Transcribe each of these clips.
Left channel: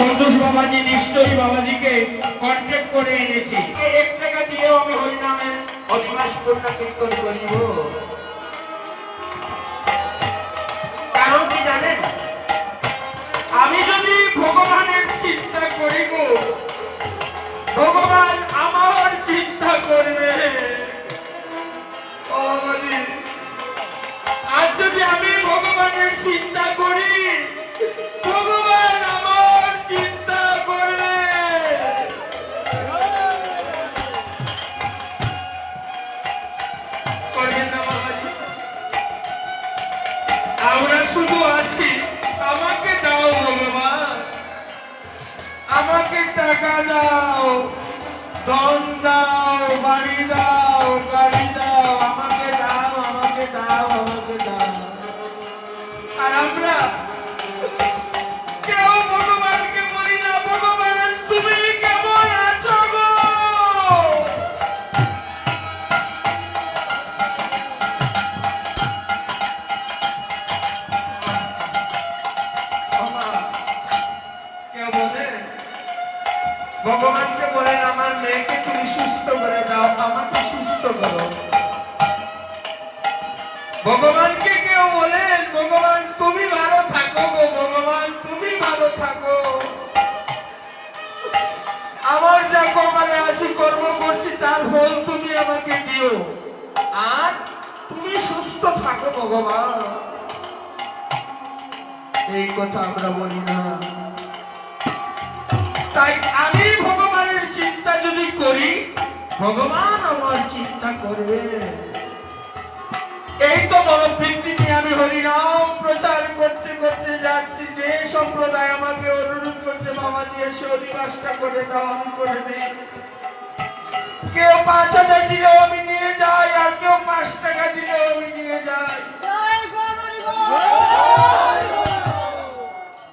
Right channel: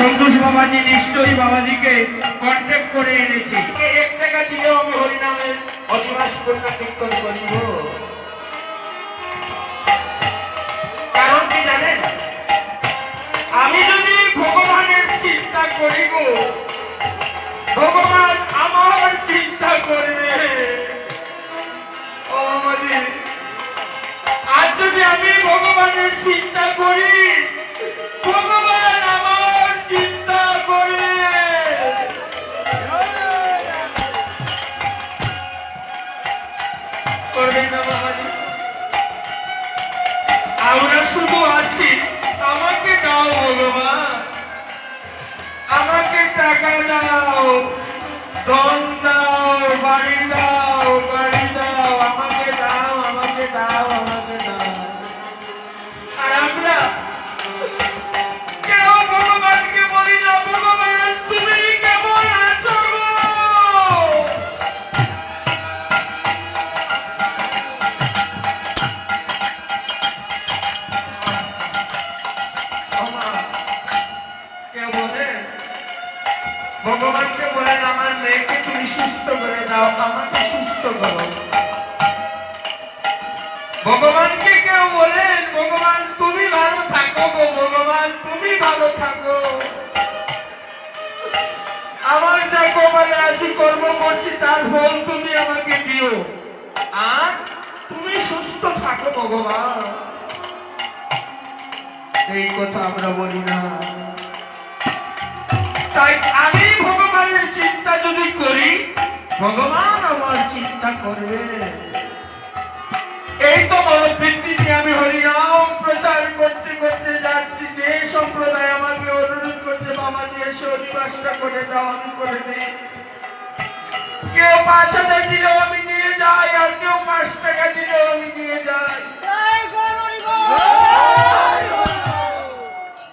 সন্তোষ বাবাজি নিশ্চয়ই বাবাজিকে কন্ট্যাক্ট করে এনেছি। 1 টাকা দিয়েও আমি হরিনামের অধিবাস করতে কীর্তন করিব। কারণ কি জানেন, আমি যদি ভগবানের চিন্তা করিব, ভগবান আমার চিন্তা করবে। ও বাবাজি, আজ যদি আমি ভগবানের চিন্তা করি, ভগবান আমার চিন্তা করবে। করবেন না বাবাজি? আমরা শুধু আছি, আমাকে দাও ভগবান, আমাকে টাকা দাও, ধন দাও, বাড়ি দাও, গাড়ি দাও, আমাকে দাও, আমাকে দাও, আমাকে দাও। আর আমরা কেউ ভগবানকে বলি না, ভগবান তুমি কেমন আছো গো? ভগবানকে বলেন আমার মেয়েকে তুমি সুস্থ করে দাও, আমাকে সুস্থ করো। ভগবানকে কেউ বলেন ভগবান তুমি ভালো থাকো গো, ভগবান তুমি ভালো থাকো, আমার যা কপালে আছি কর্ম করছি তার ফল তুমি আমাকে দিও, আর তুমি সুস্থ থাকো ভগবান। এই কথা আমরা বলি না। তাই আমি ভগবানের চিন্তা যদি করি, ভগবান আমার চিন্তা করবে। এই তো মনোবৃত্তি নিয়ে আমি হরিনাম প্রচার করতে করতে যাচ্ছি। যে সম্প্রদায় আমাকে অনুরোধ করছে বাবাজি এসে অধিবাসটা করে দাও, আমি করে দিই। কেউ 5,000 দিলেও আমি নিয়ে যাই, আর কেউ 5 টাকা দিলেও আমি নিয়ে যাই।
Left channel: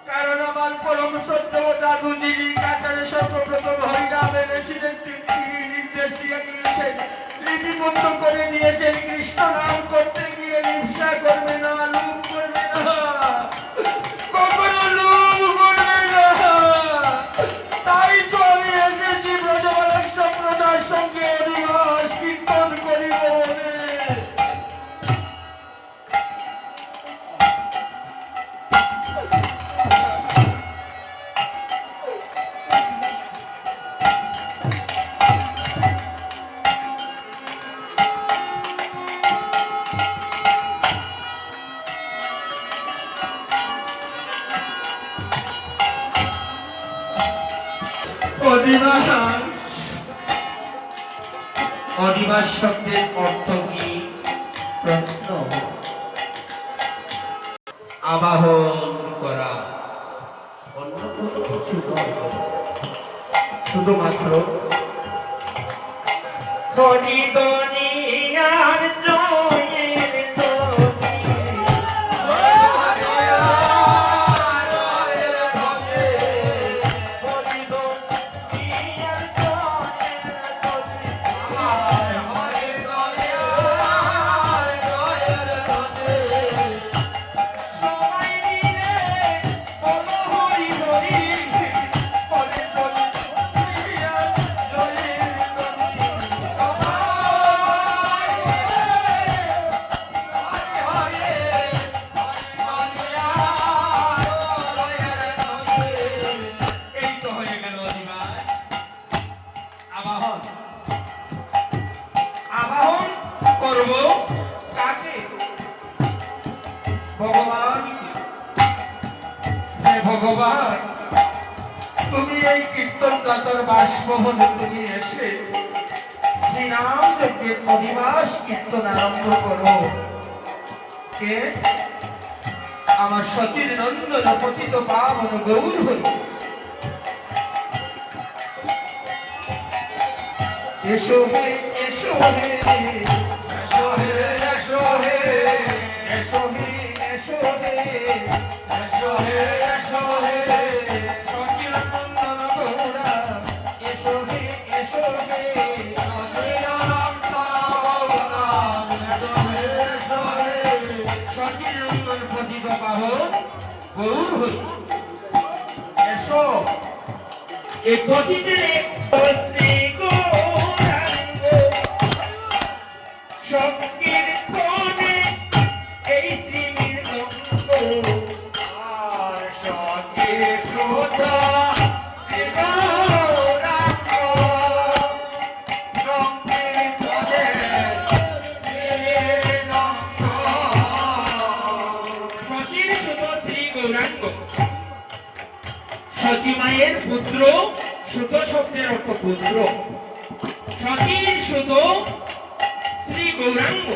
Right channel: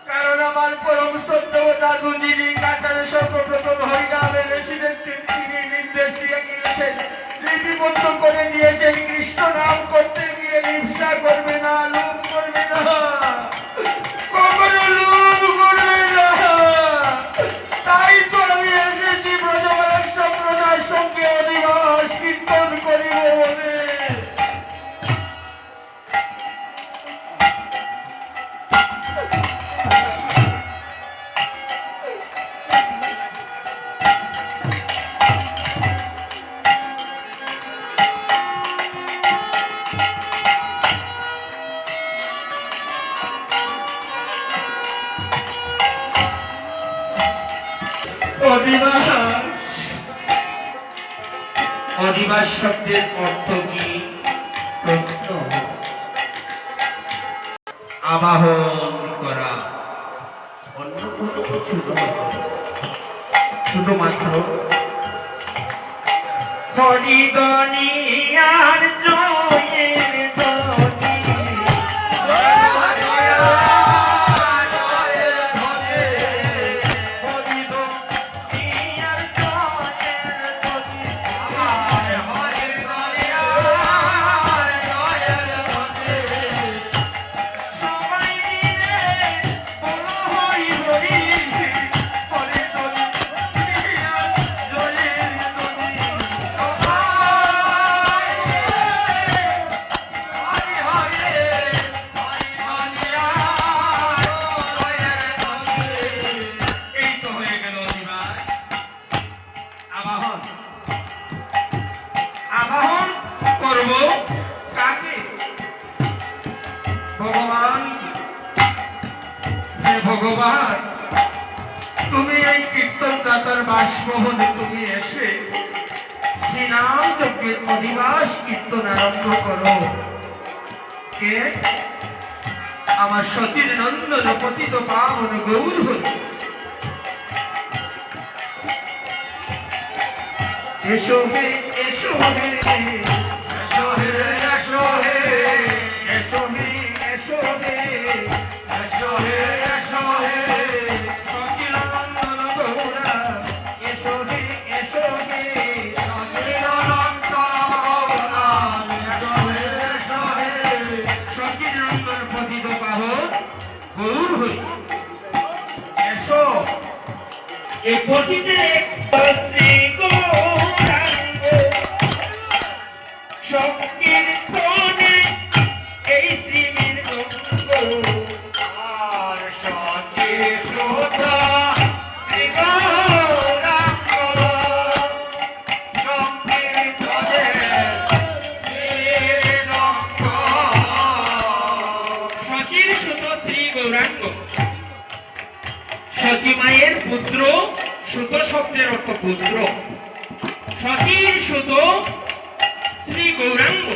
কারণ আমার পরম সত্য দাদু যিনি কাছাড়ে সর্বপ্রথম হরিনামের রেসিডেন্টে তিনি নির্দেশ দিয়ে গিয়েছেন, লিপিবদ্ধ করে নিয়েছেন, কৃষ্ণ নাম করতে গিয়ে হিংসা করবে না, লোভ করবে না, কখনো লোভ করবে না। তাই তো আমি এসেছি ব্রজবালক সম্প্রদায়ের সঙ্গে অধিবাস কীর্তন করিব বলে। অধিবাস শব্দের অর্থ কি? প্রশ্ন। আবাহন করা, অন্য কোনো কিছু নয়, শুধুমাত্র হরিদনিয়ার জয়ের ভগবান, তুমি এই কীর্তন দাতার বাসভবনে তুমি এসে শ্রীনাম যজ্ঞের অধিবাস কীর্তন আরম্ভ করো। কে? আমার সতীর নন্দন পতিত পাবন গৌর হরি। এসো হে, এসো হে, এসো হে, এসো হে, এসো হে, এসো হে, এসো হে, এসো হে, সখির নন্দন গৌরা। এসো হে, এসো হে, সখির নন্দন গৌরা। এসো হে, এসো হে, সখির নন্দন পতিত পাবন গৌর হরি। এসো এই পতিতে শ্রী গৌরাঙ্গ সংকীর্তনে এই শ্রীবীর আর সখী সুতা শ্রী গৌরাঙ্গ সংকীর্তনে সখীর সুত শ্রী গৌরাঙ্গ সখী মায়ের পুত্র সুত শব্দের অর্থ পুত্র সখীর সুত শ্রী গৌরাঙ্গ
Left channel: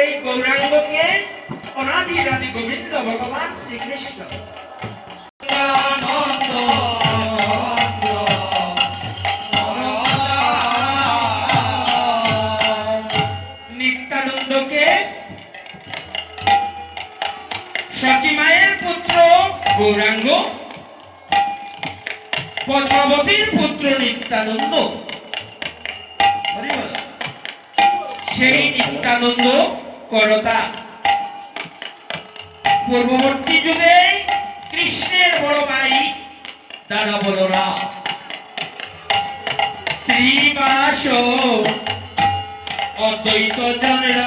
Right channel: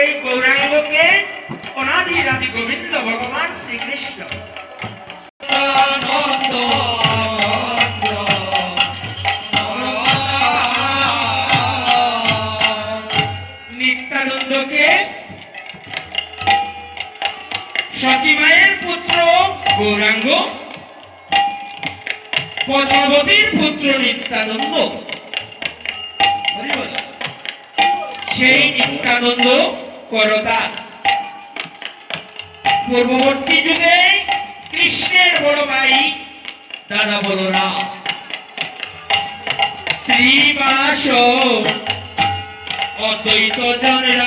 এই গৌরাঙ্গকে অনাদি আদি গোবিন্দ ভগবান শ্রীকৃষ্ণ নিত্যানন্দকে সখী মায়ের পুত্র গৌরাঙ্গ পদ্মাবতীর পুত্র নিত্যানন্দ সেই নিত্যানন্দ করতাস পূর্ববর্তী যুগে কৃষ্ণের বড় ভাই দাদা বলরাম শ্রীবাস অদ্বৈত জনের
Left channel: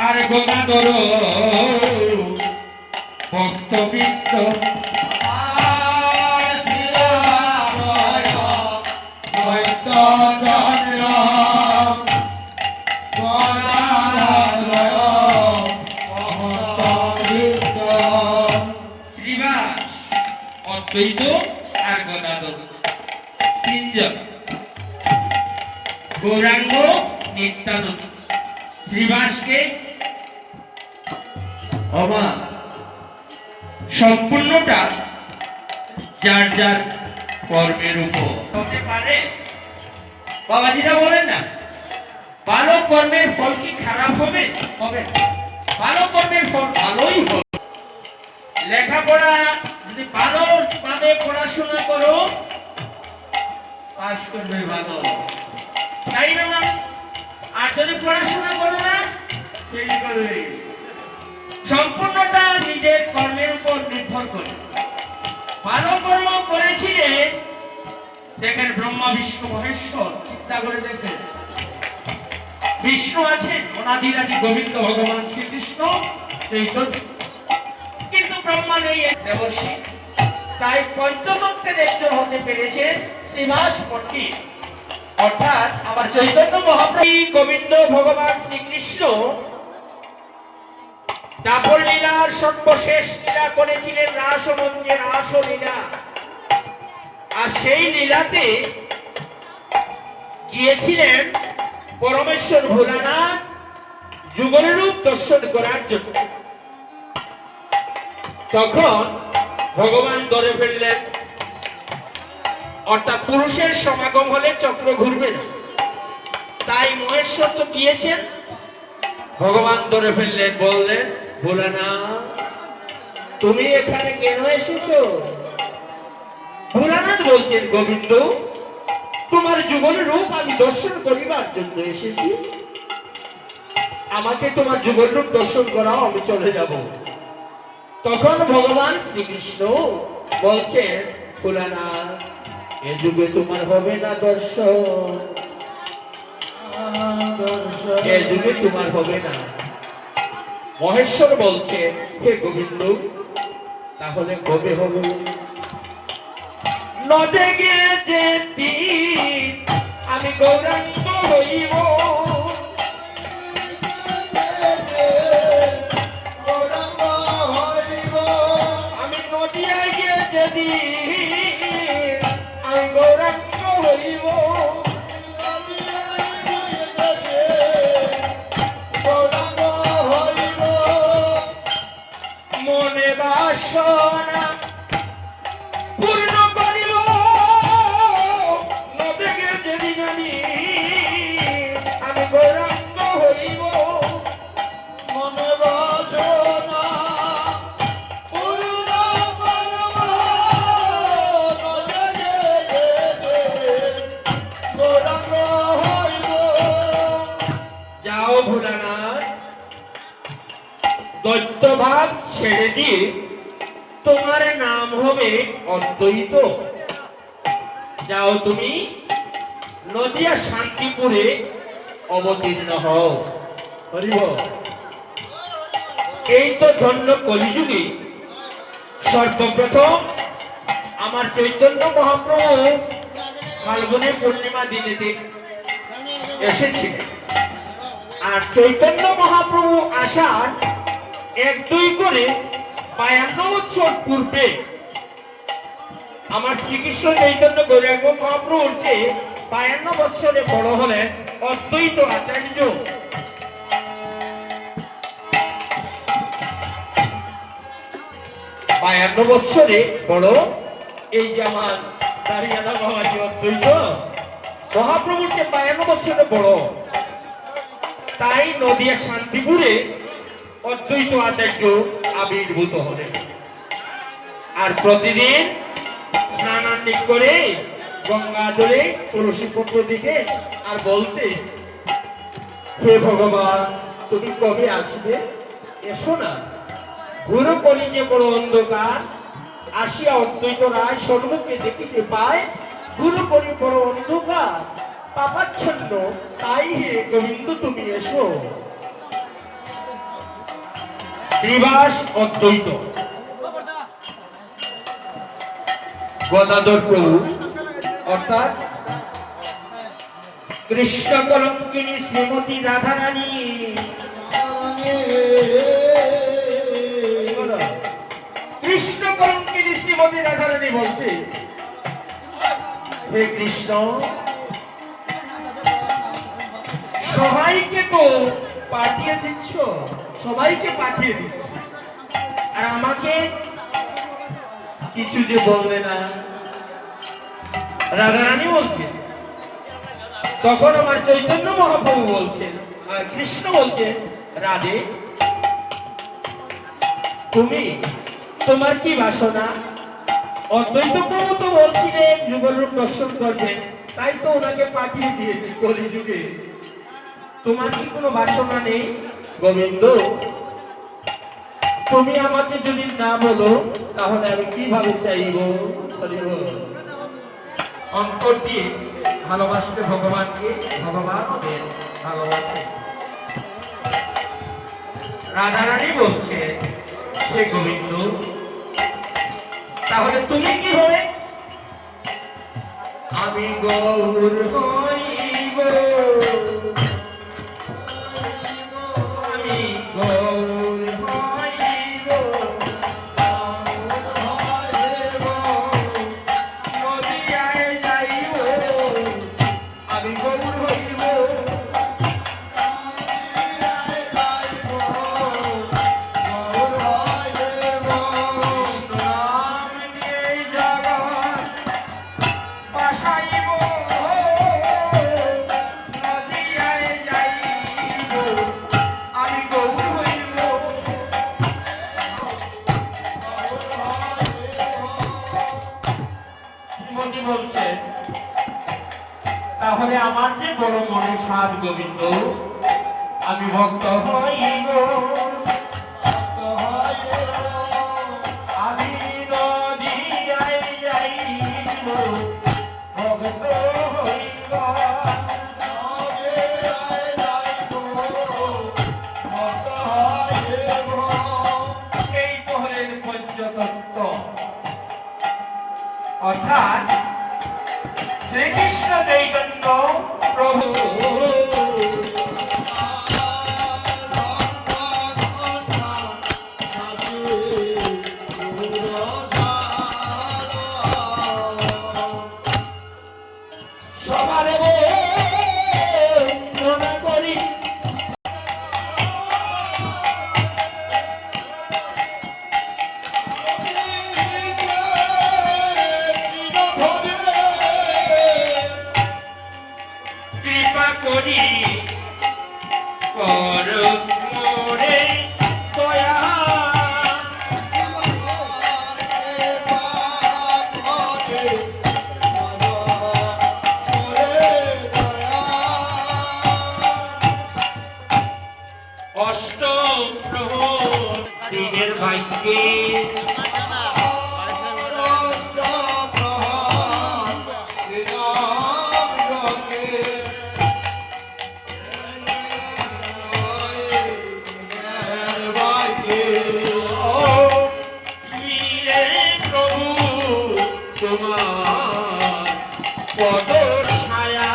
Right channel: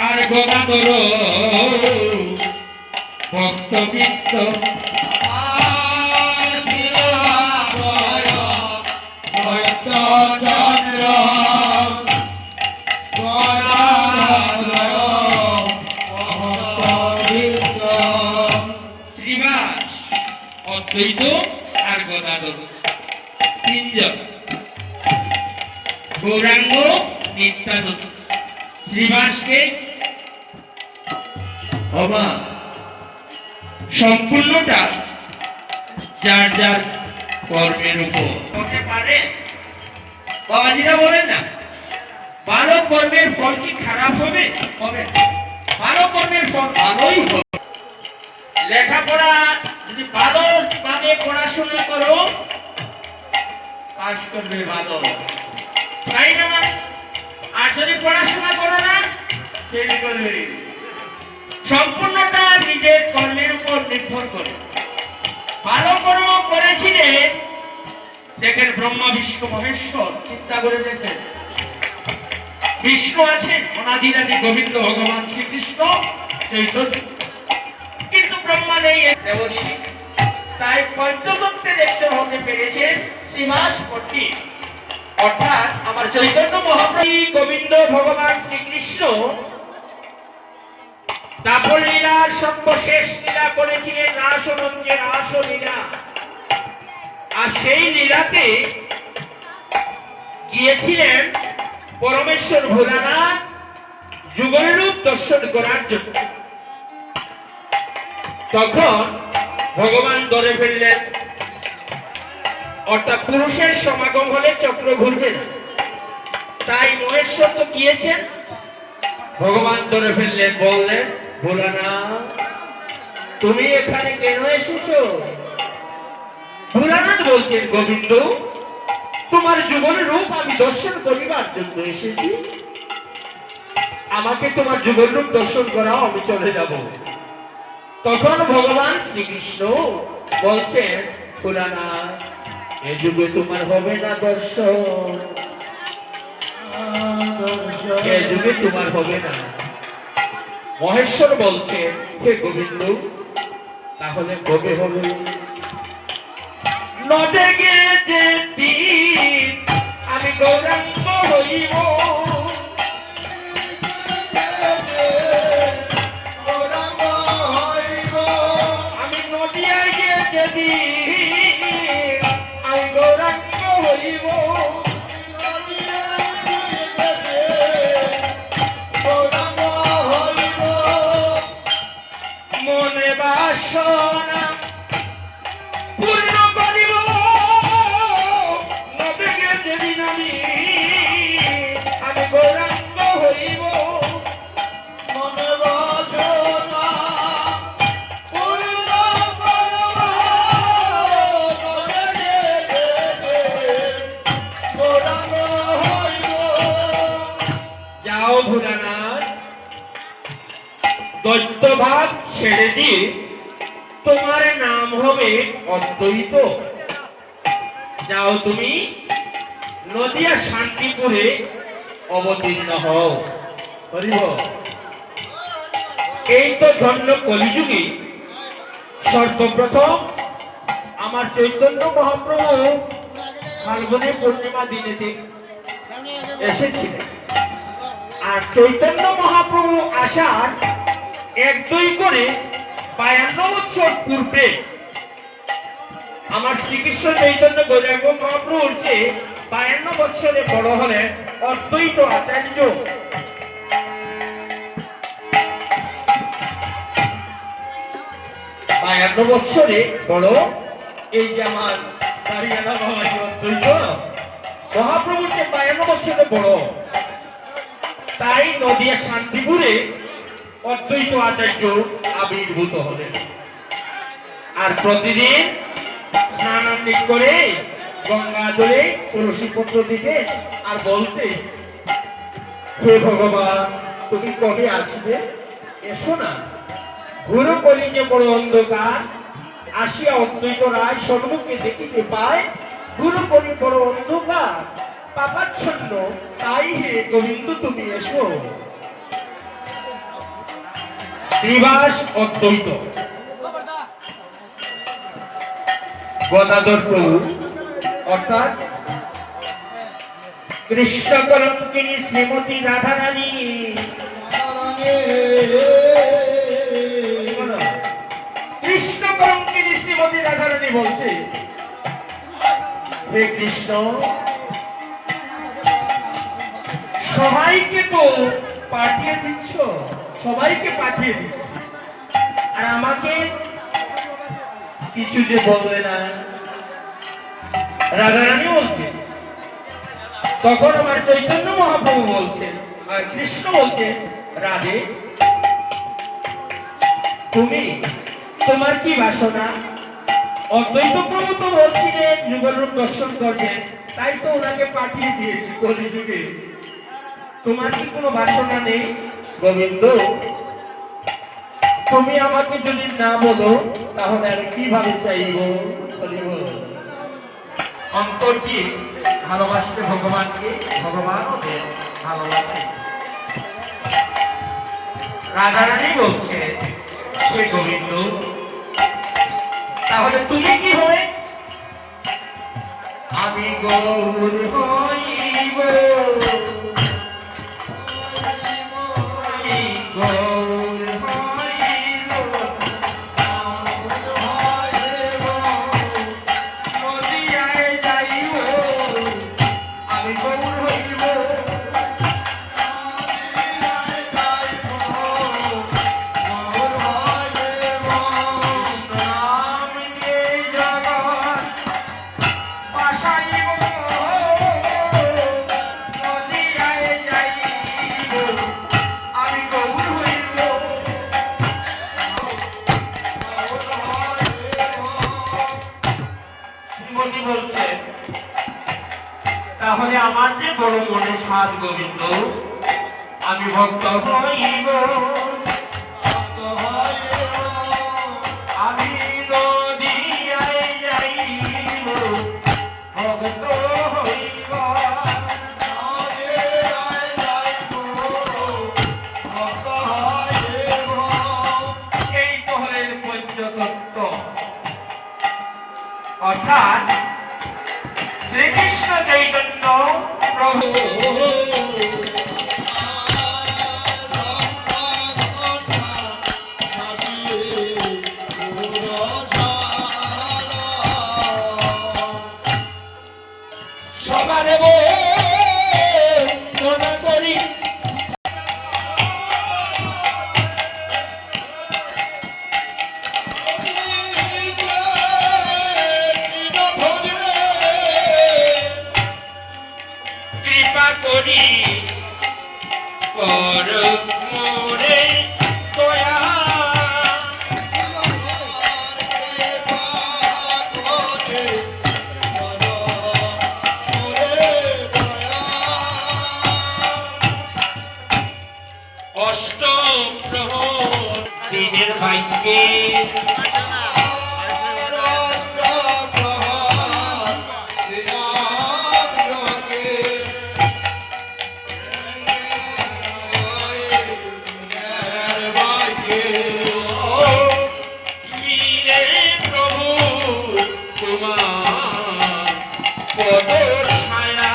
আর গদাধর ভক্তবৃন্দ শ্রীবাস অদ্বৈত আর গদাধর তিনজন গৌরাঙ্গ নিত্যানন্দ শ্রীবাসকে অবাক সম্পূর্ণটা যার যার কর্মের উপর হতে পারে বাবাজিরা বলেন না ভালো কর্মের ফল কি খারাপ হবে হবে ভালো কর্মের ফল ভালোই হবে লেখাপড়া যদি ভালো ভাবে পড়াশোনা করো পাস করবে ভালো তাই না আর যদি পড়াশোনা করো না ফেল করবে সম্পূর্ণটা নিজের কর্মের উপর নির্ভর করে ভালো কর্ম করেছিলেন দেখেন ব্রহ্মা বিষ্ণু মহেশ্বর চিন্তা করে দেখেন বিষ্ণু আছেন অনাদি আদি গোবিন্দ ভগবান শ্রীকৃষ্ণ কিন্তু ব্রহ্মা নেই দেবর্ষী তাই পঞ্চতত্ত্বে দেখতে হতে পেরেছেন শ্রীবাস পণ্ডিত অর্থাৎ আমার চৈতন্য মহাপ্রভু গোবিন্দ ভগবান শ্রীকৃষ্ণ দাপর লীলার সর্বশেষ লীলা করেছিলেন রাসমঞ্চে রাসলীলা আর সেই লীলাতে গিয়েছিলেন পরমেশ্বর ভোলানাথ যুগল রূপ দর্শন করার জন্য তখন ভগবান ধরে ফেললেন অর্থাৎ পুরুষের সমাগম হলে চক্র ঘুরবে না তাই মহেশ্বর তো গিয়েছেন ভগবান ধরে ফেললেন বললেন ভোলানাথ তুমি এখানে কেন এসেছো ভোলানাথ বলছেন গোবিন্দ তোমার যুগল রূপ আমি দর্শন করিবার জন্য এসেছি আমাকে তোমার যুগল রূপ দর্শন করাও আমি চলে যাব তখন ভগবান শ্রীকৃষ্ণ বলছেন ভোলানাথ এ যুগে তোমার হবে না দর্শন এ যুগে তোমার হবে না মহেশ্বর বলছে হে গোবিন্দ তাহলে কবে হবে নদে গেছে দিন আমি গৌরাঙ্গ হইব আমি নদিয়ায় গেছে দিন আমি গৌরাঙ্গ হইব মনে বাসনা পূর্ণ করিব নবে গেছে দিন আমি গৌরাঙ্গ হইব মনে বাসনা পূর্ণ করিব নবে গেছে গৌরাঙ্গ হইব যাও ভোলানাথ দৈত্যভাব ছেড়ে দিয়ে তোমার নাম হবে অদ্বৈত। যাও তুমি নদিয়া শান্তিপুরে অবতীর্ণ হও। হরিব। এই তো ধন্য কলিযুগে সর্বপ্রথম আমার চৈতন্য মহাপ্রভু ফাল্গুনে পূর্ণিমা দিনেতে এসেছিলেন। আর চৈতন্য মহাপ্রভু আসার 1-2 করে 52 বছর পূর্বে আমার শ্রীকৃষ্ণ চৈতন্য গৌরাঙ্গ মহাপ্রভুর চেয়ে 52 বছরে বড় হলেন অদ্বৈত আচার্য। 52 বছরে বড় এই যে আমার দাঁড়িয়ালা বাবাজি অদ্বৈত মহাপ্রভুর চেয়ে 52 বছরে বড়। তাই নদিয়া শান্তিপুরে অদ্বৈত আচার্য আবির্ভূত হলেন। আর প্রতিদিন স্নানান্তি করে গঙ্গা জলে তুলসী পত্র দিতে আর বলতে, হে ভগবান তুমি কবে আসবে, এসো না, ঘুরো কলিজে বড় অন্ধকার, আসিয়া অদ্বৈত রায় সম্মুখে দেখিতে পায়, ঘুরো কলি বড় অন্ধকার পাপাচ্ছন্ন, তাই হে গোবিন্দ তুমি এসো। শ্রীবাস অদ্বৈত গদাধর প্রভু অর্থাৎ কৃষ্ণ কলঙ্কিনী শ্রীমতী রাধারানী কৃষ্ণ কলঙ্কিনী শ্রীমতী রাধারানী বলছে, হে কৃষ্ণ সবাইকে তো পাঠিয়ে দিচ্ছ, সবাইকে পাঠিয়ে দিচ্ছ, আর আমাকে কিছু যে বললে না। রাধারানী বলছে, তখন আমার চৈতন্য মহাপ্রভু বলছেন, আর কৃষ্ণ বলছেন, রাধে তুমি তোমার কি বাসনা? অদ্বৈত প্রভু তো বলছিলেন যুগলরূপ দর্শন করবেন, তাই তো ওনাকে পাঠিয়ে দিয়েছি কলিযুগে। তোমার কি কোনো বাসনা নেই গোবিন্দ? তুমি আমাকে যদি না বলো তাহলে আমি কিভাবে চাইব? অন্তর দিয়ে ভালোবাসতে ভগবানকে, ভগবান ভালোবাসে। রাধারানী বলছে, হে গোবিন্দ তাহলে তুমি কি হবে? আমি গৌর হইব, আমি গৌর হইব, নদিয়ায় যাইব, আমি গৌর হইব, তাহলে আমার যে বড় মনে সাধ গোবিন্দ, আমি ভক্ত হইব, আমি নদিয়ায় যাইব, ভক্ত হইব, এই তো হলেন পঞ্চতত্ত্ব। অর্থাৎ শ্রীকৃষ্ণ চৈতন্য প্রভু সবার বন্দনা করি, কৃপা করি কর মোরে দয়া, অষ্টম প্রহর দিনের ভাগ্যে তোমার পদ ছায়া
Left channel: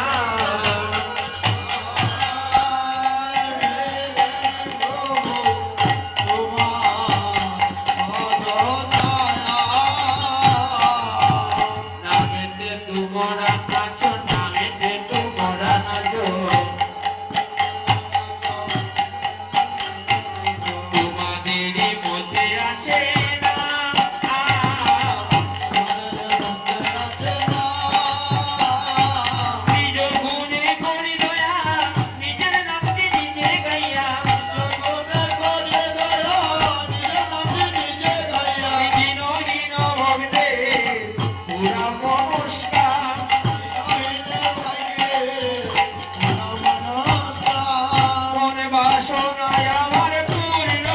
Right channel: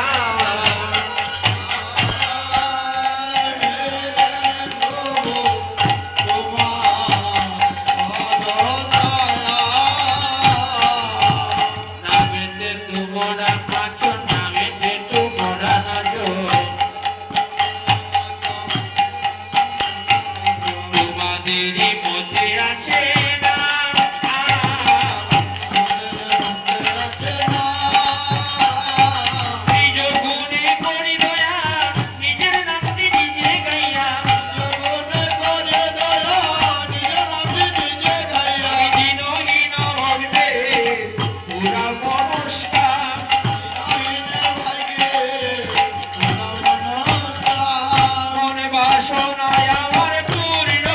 নামেতে তোমরা আছো নামেতে তোমরা আছো তোমাদেরই মধ্যে আছে নিজ গুণে করি দয়া নিজের নামটি নিজে গাইয়া দিনহীন হইবে পুরা মনস্কা মনে বাসনায় আমার পূর্ণ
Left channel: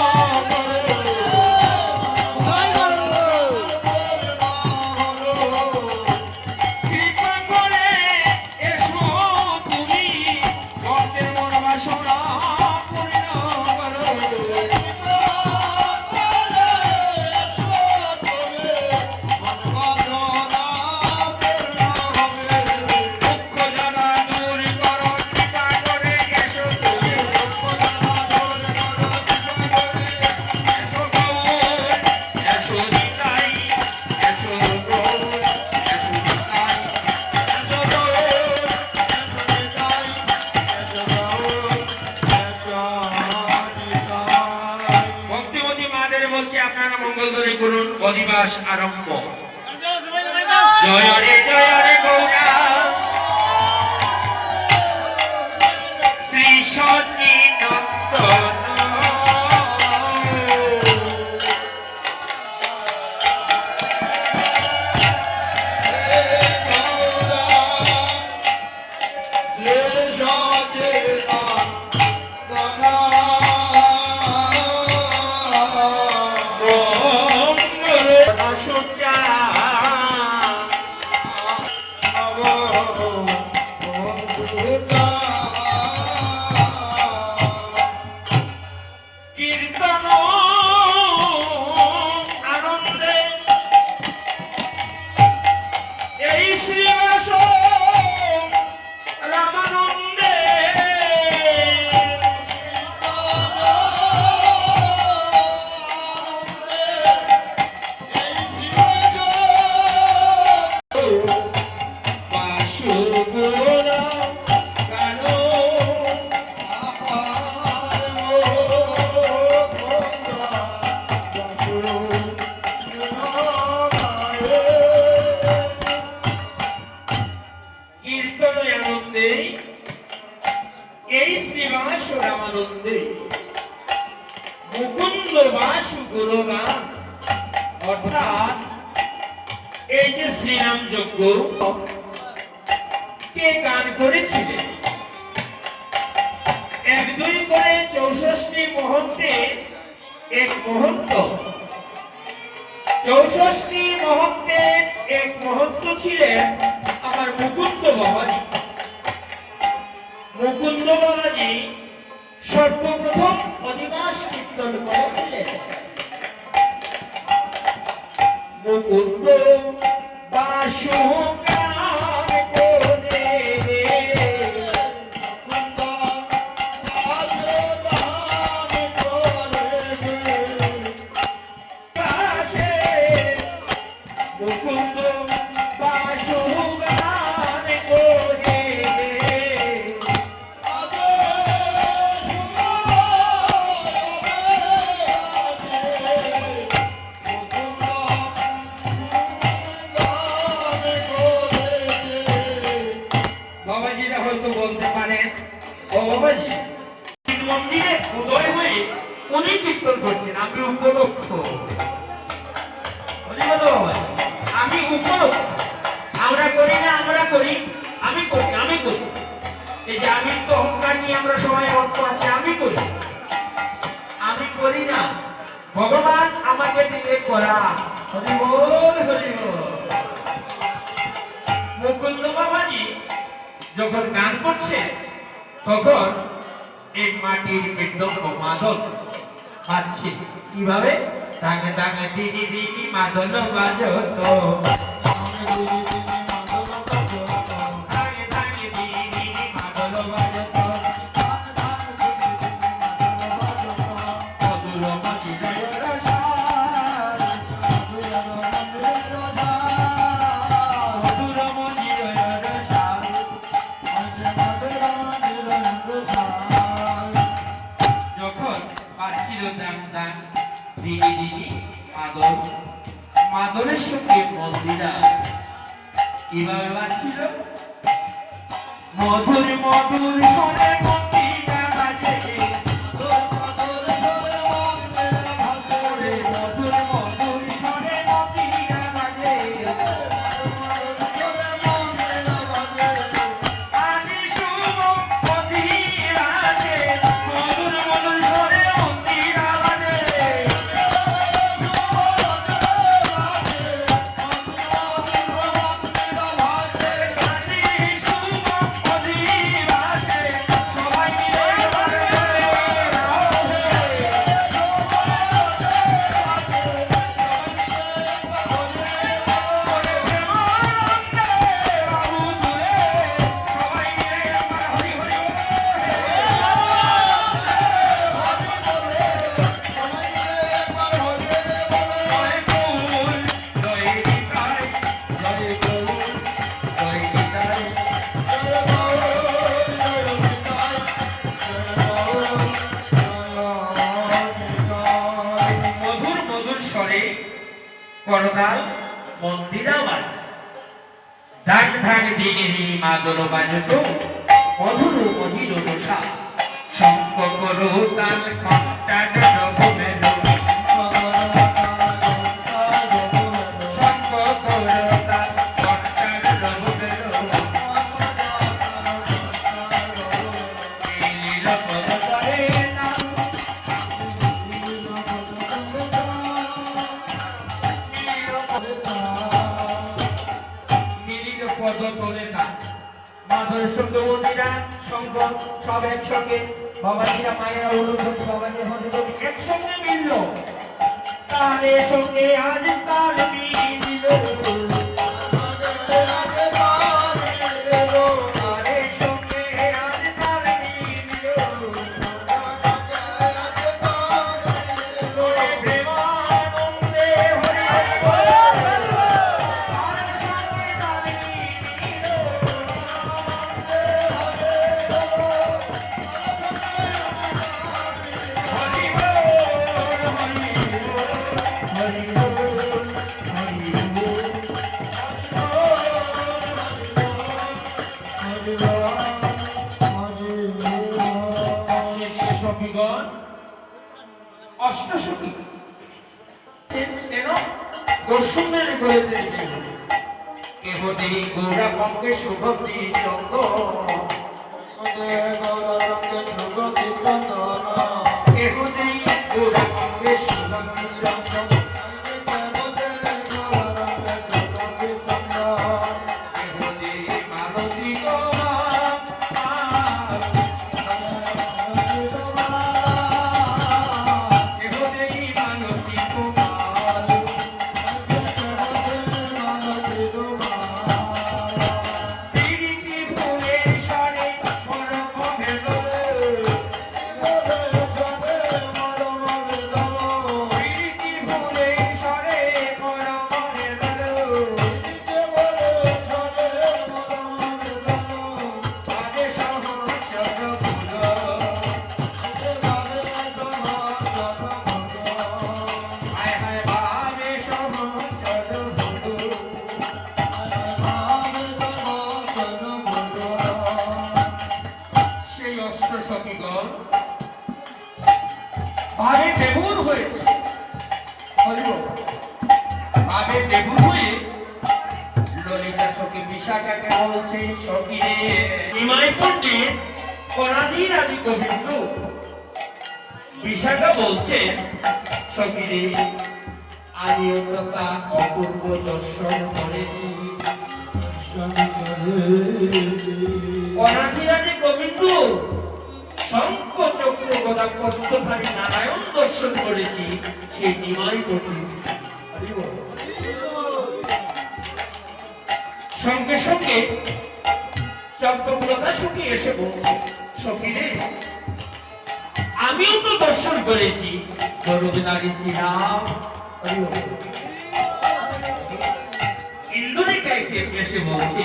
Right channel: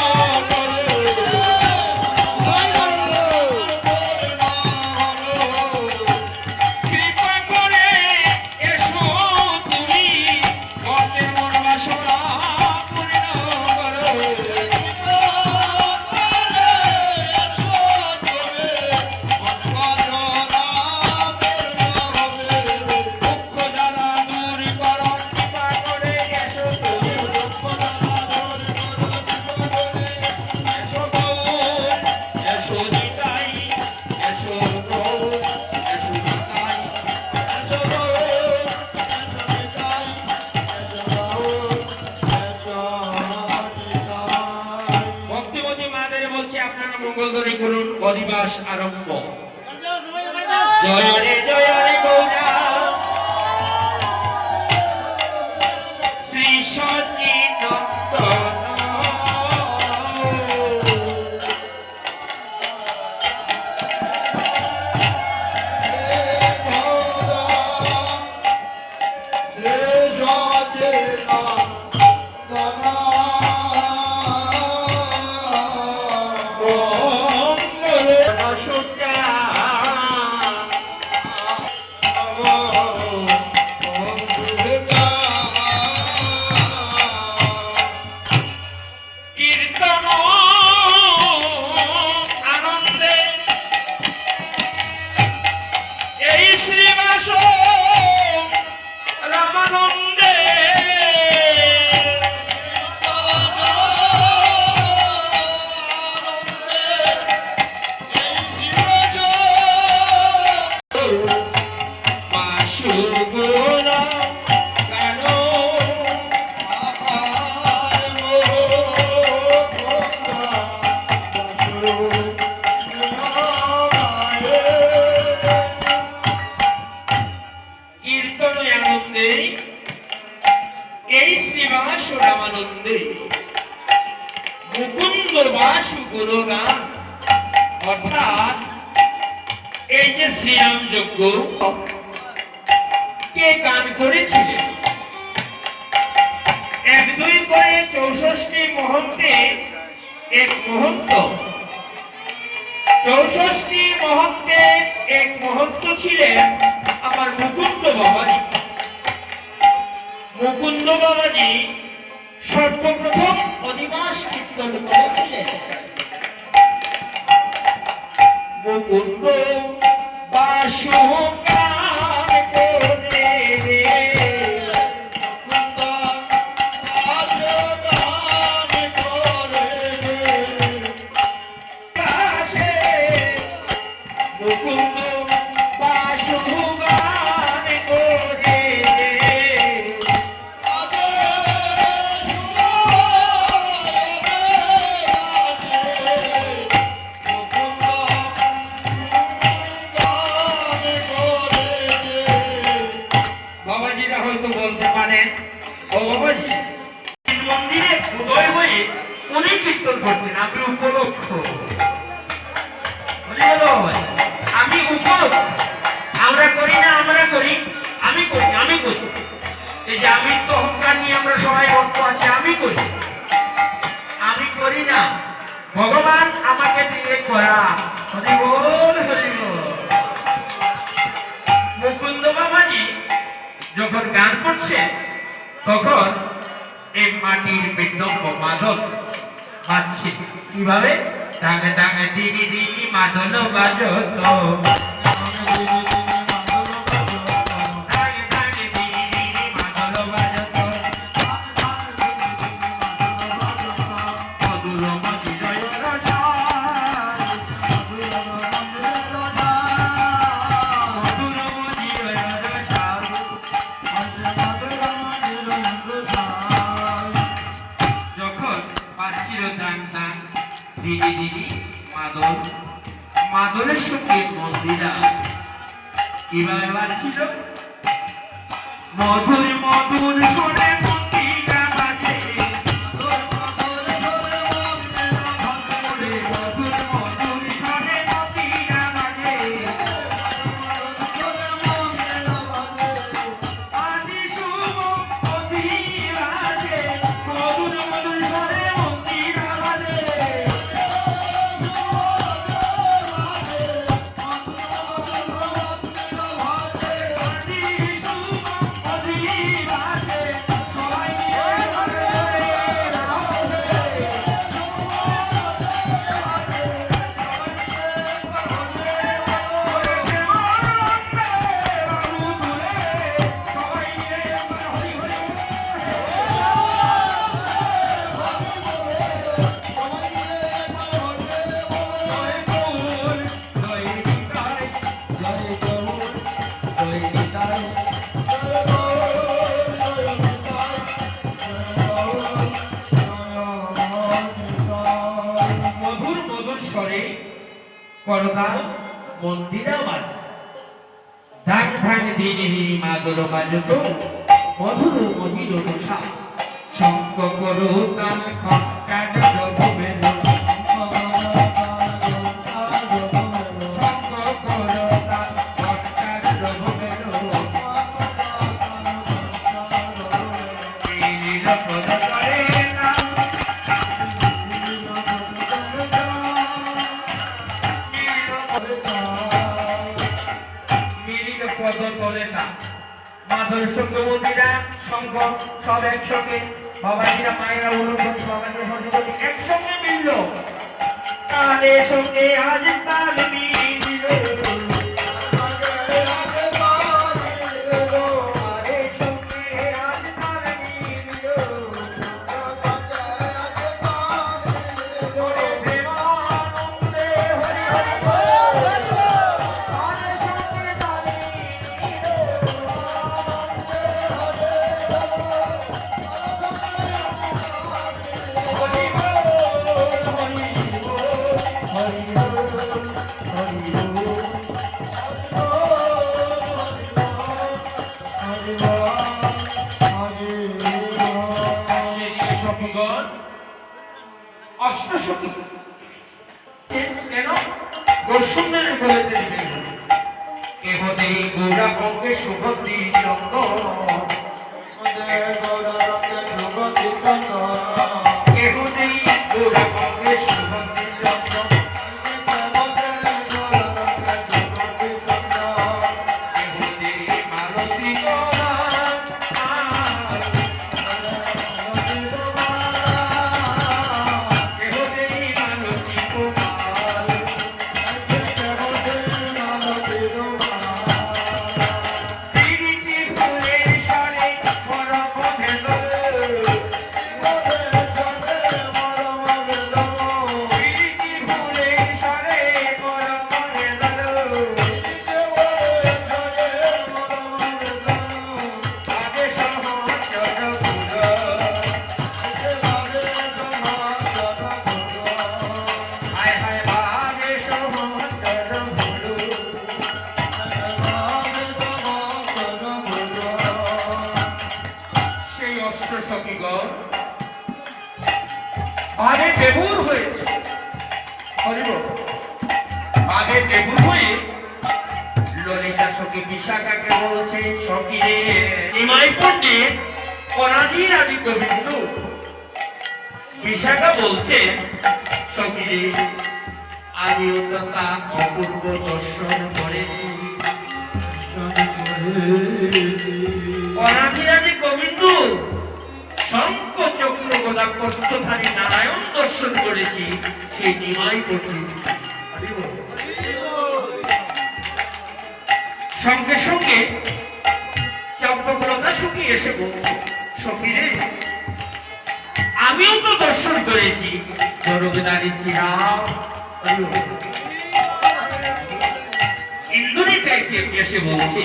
কৃপায় করে এসো তুমি মনে মন বাসনা পূর্ণ দুঃখ জ্বালা দূর করো কৃপা করে এসো তুমি এসো গৌর এসো নিতাই এসো গৌর এসো নিতাই এসো গৌর ভক্তিমতী মাদের বলছে আপনারা মঙ্গলধ্বনি করুন অধিবাস আরম্ভ জয় রে গৌরা শ্রী সচিনন্দন কীর্তন আনন্দে এই শ্রীবাস রামানন্দে বাসুগুণা কানো কীর্তন আনন্দে এই শ্রীবাস রামানন্দে মুকুন্দ বাসু গুণগান অর্থাৎ এই যে শ্রীরাম যজ্ঞ কে গান করেছিলেন ১-২ করে ৬৪ মহন্তে এক মহন্ত ৬৪ মহন্তে এক মহন্ত ছিলেন আমার মুকুন্দ বাবাজি। মুকুন্দ বাবাজি সর্বপ্রথম অধিবাস কীর্তন করেছিলেন। মুকুন্দ বাসু গান করে রে মুকুন্দ বাসু গান করে বাবাজিরা হয়তো বলতে পারেন ও বাবাজি মন্দিরে উদয় হয়ে উনি কীর্তন করছেন আপনি উপলক্ষ আমি উপলক্ষ আমরা করি না আমরা করি আমি করি এই যে আমি তো অহংকার নিয়ে আমরা সবাই অর্থ আছে আমি করি না ভগবান আমাকে দিয়ে করা হরি বল হরি বল। মুকুন্দ বাবাজি যখন গান করছে তখন এই মাটির মৃদঙ্গ মাদল বাজছে কিভাবে ডাঙে ডাঙে দিদি দিদি মাদল বাজো তো যখন পাচ্ছিল দান দান দিদি দিদি মাদল মাদলের সঙ্গে মন্দিরা কিভাবে বাজছিল মধুর মধুর শোনে মন্দিরা বাজে মধুর মধুর শোনে মন্দিরা বাজে আজি শুভ মন্দিরা বাজে মধুর মধুর শোনে মন্দিরা বাজে মধুর মধুর স্বরে করতাল মন্দিরা বাজে ধান ধান দিনে মাদল বাজত মধুর মধুর রসা শঙ্খ করো তাল ঘণ্টা ডবে শঙ্খ করো তাল ঘণ্টা ডবে নীল পদ করে নাম মিলিত পদ করে না মাধব সঙ্গে মন্দিরা শঙ্খ সব একসঙ্গে বাবাজিরা মায়েরা অনুভূতি বাবাজি হরিবলি একসঙ্গে মিলল তাদের সঙ্গে আজ তাল মিলিল তাদের সঙ্গে আজ তাল মিলিল করে প্রেমানন্দে সখীগণ অষ্টসখী কেন দর্শনের বলতে দিবেন কেহ দেই গৌরা অঙ্গে সুগন্ধি চন্দ্র কেহ দেই গৌরা অঙ্গে সুগন্ধি চন্দ্র কেহ দেই মালতী গৌরা কেহ দেই মালতী গৌরা পিরিতি ফুলের স্বরে মন পথে পিরিতি ফুলের স্বরে মন পথে আগে সহচর হায় হায় আগে সেই অষ্ট সখীগণ ভাবে বেবুর হয়েছে ভাবে বেবুর হয়ে ললিতা সখী বিশাখাকে বলছে সখী রে নিমাই পণ্ডিত অনাদির আদি কবিন্দু বিশাখা বলছে সখী রে আমিও তো তা অপূর্ব দর্শন করেছি অনাদিরাদি গোবিন্দু শঙ্খ চক্র গদা পদ্মধারী নারায়ণ দর্শন করেছি সেই নিমাই কঠিন সঙ্গে সঙ্গে চম্পকলতা সখী এসে বলছে, সখী রে, আমিও তো দর্শন করেছি জগন্নাথী শ্রীরাম। ইন্দ্রনীকায় এসে বলছে,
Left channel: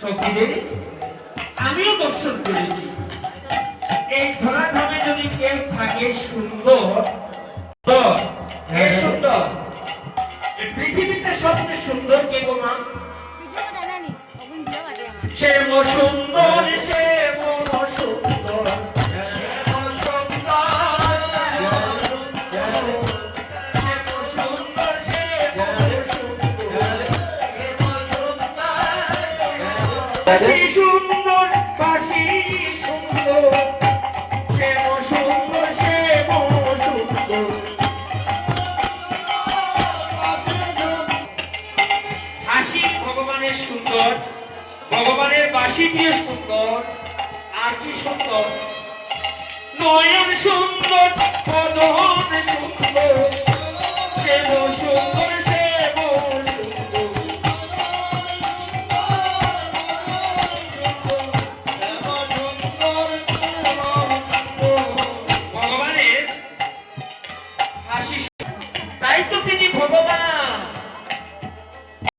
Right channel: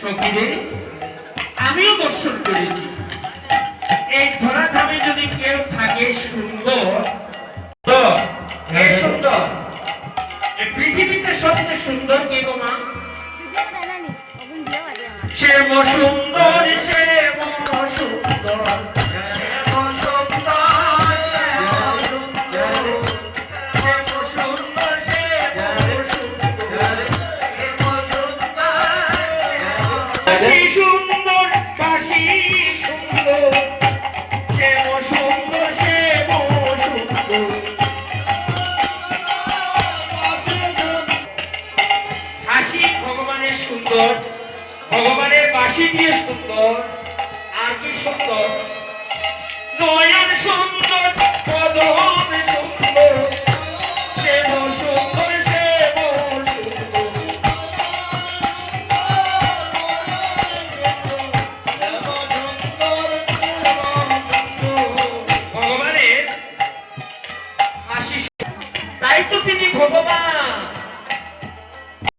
সখী রে, আমিও দর্শন করেছি। এই ধরাধামে যদি কেউ থাকে সুন্দর, তো কে সুন্দর? এই পৃথিবীতে সবচেয়ে সুন্দর কে গো মা? সে সুন্দর, সে সুন্দর, সুন্দর বাসি সুন্দর, সে সুন্দর, সে সুন্দর। হাসি ভগবানের সুন্দর, ভগবানের বাসি দিয়ে সুন্দর, আর কি সুন্দর? নয়ন সুন্দর, বদন সুন্দর, সে